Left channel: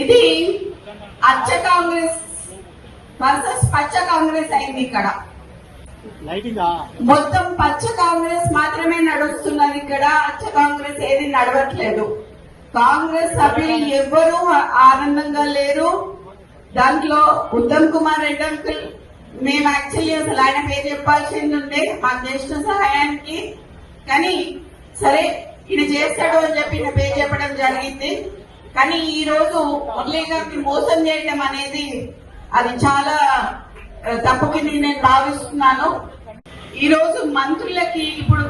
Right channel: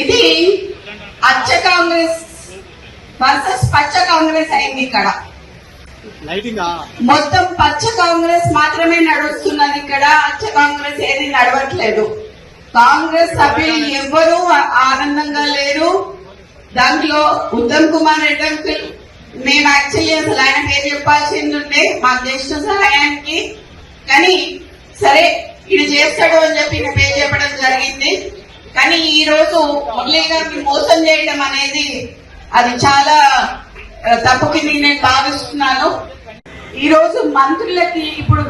ఇది అచ్చ కాంగ్రెస్ వర్సెస్ పచ్చ కాంగ్రెస్ అయింది. ఇక్కడ మొత్తం పచ్చ కాంగ్రెస్ మాత్రమే నడుస్తున్నది. ఇక్కడ అచ్చ కాంగ్రెస్ ఏది నడవట్లేదు. కాంగ్రెస్ సభ్యులు ఎవ్వరూ ఆనందంగా లేరు. దాంట్లో ఉత్తమ్ కుమార్ రెడ్డి అంకుల్, మేము యాక్చువల్లీ అసలు ఆయన పేరు చెప్పాల్సింది ఉండే మాకు జ్యేష్ఠ సహాయానికి, కానీ సరే ఇది చేస్తాడు అని చెప్పి ఈయన పేరు చెప్పడం జరిగింది. కానీ ఈ రోజు మురళీ గారిని మోసం చేయడం అనేది అది చాలా తప్పు కింద నేను భావిస్తున్నాను. ఈ రోజు మంత్రులకి ఇప్పుడు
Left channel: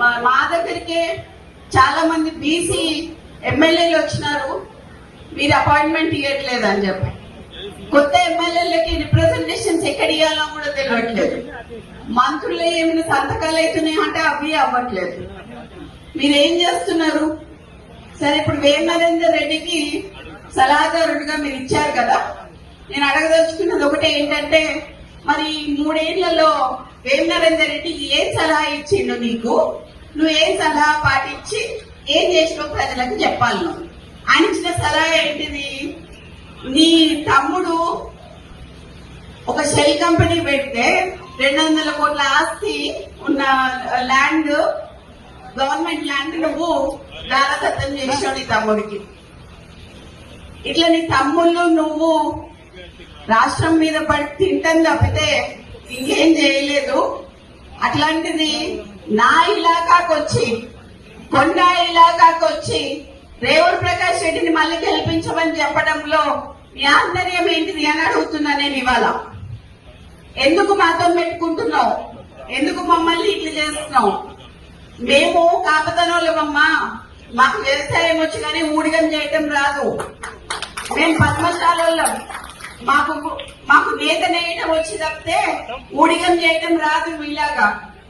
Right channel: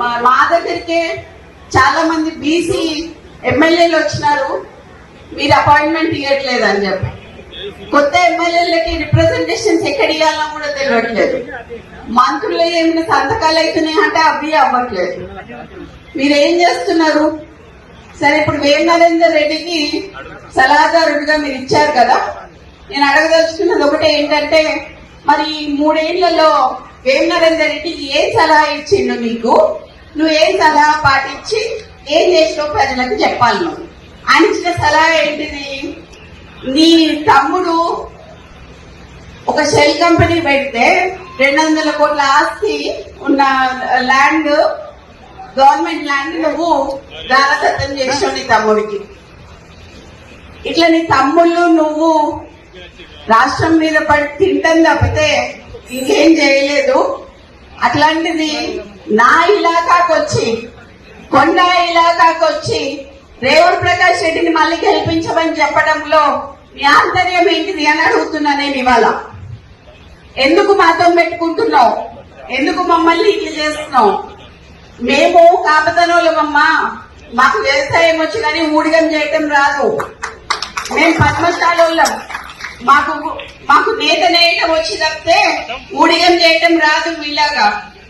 మా దగ్గరికే చాలా మంది బీసీ ఎమ్మెల్యేలు వచ్చినారు, మీరు అపాయింట్మెంట్ ఇవ్వట్లేదు అని చెప్పి. కొత్త ఎమ్మెల్యేలకి రిప్రజెంటేషన్స్ ఎక్కడ ఇవ్వాలో కూడా తెలియట్లేదు. మంత్రులు ఏమైనా సంతకాలు అవుతున్నాయి అంటే అవి అవ్వట్లేదు. మీరేం చేస్తున్నారు? సరే, ఇప్పుడు వేమ నరేందర్ రెడ్డికి సలహాదారుడిగా మీరు ఇచ్చారు కదా, నేను అడగదలుచుకున్నది ఒకటే ఏంటంటే, మరి 3 ఏళ్లలో వేమ నరేందర్ రెడ్డికి ఏం సలహా ఇచ్చిండు నీకు? నువ్వు ఏం సలహా పాటించి ఏం చేసినావు ప్రజలకు చెప్పాలి. నువ్వు ఆయన ఇచ్చిన సలహా ఏంటిది? నీ తమ్ముడు ఒక షెల్ కంపెనీ పెడితే 200 కోట్ల ఆస్తి ఉన్న ల్యాండ్, గవర్నమెంట్ ల్యాండ్ నువ్వు దారదత్తం చేసావు నీ తమ్ముడికి. ఇట్లా నీ తమ్ముళ్ళు నువ్వు రాష్ట్రం మీద పడి తింటాం తప్పితే ఇంకేం చేయలేదు. అట్లాంటిది నా ఇలాకాకు వచ్చి, కొండ ఇలాకాకు వచ్చి రేవంత్ ప్రకాష్ రెడ్డిని మళ్ళీ గెలిపించమని చెప్పడంలో మీ ఆంతర్యం ఏంటిది అని అడుగుతున్నా నేను ఇవాళ. ఎందుకు మాతో పెట్టుకుంటున్నావు? ఎందుకు మమ్మల్ని ఇట్లా చేస్తున్నావు? మేము కాపతనోళ్ళమమ్మా, మాకు వ్యవసాయం వచ్చి కానీ ఊడిగం చేయటం రాదు. మేము పద్మశాలోళ్ళం, మాకు నేత నేయటం వచ్చి తప్పితే ఊడిగం చేయటం రాదు. మీలాగా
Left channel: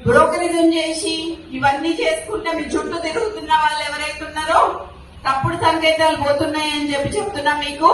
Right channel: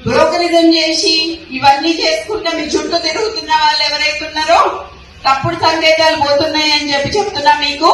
బ్రోకరిజం చేసి ఇవన్నీ చేసుకుంటే మీ చుట్టూ తిరుగుతున్న వాళ్ళు ఎవరైతే ఉన్నారో తప్పుడు సంకేతాలు పోతున్నాయని చెప్పి చెప్తున్నా మీకు.